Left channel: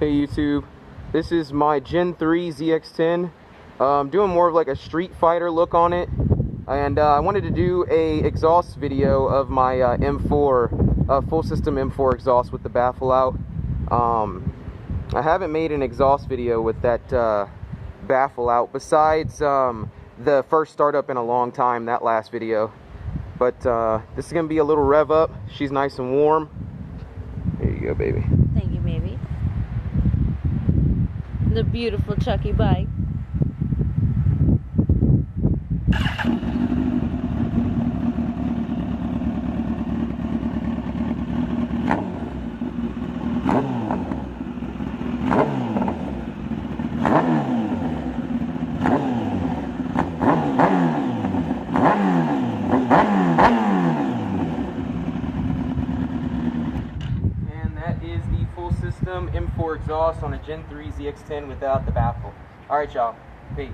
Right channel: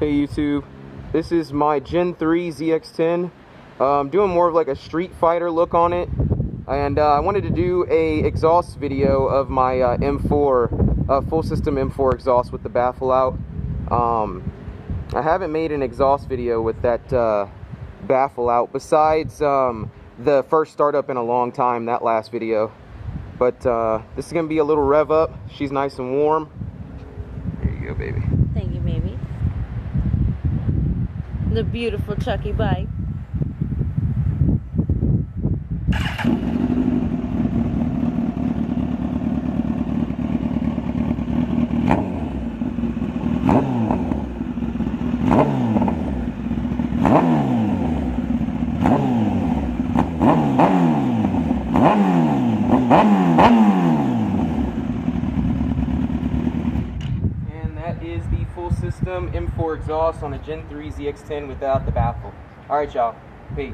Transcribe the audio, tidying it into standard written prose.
Hey YouTube, this is my Gen 3 ZX10. Doing more of like a Streetfighter look on it, and I wanted to do a exhaust video of my M4 full system M4 exhaust with the baffle out. I haven't made an exhaust video with that baffle out besides the first startup in a long time, that last video. But this is gonna be a little rev up. She's nice and warm. Here you go, baby. Thank you, baby. The beautiful Chucky bike. That is the full system M4 exhaust on a Gen 3 ZX10 without the baffle. Alright y'all, peace.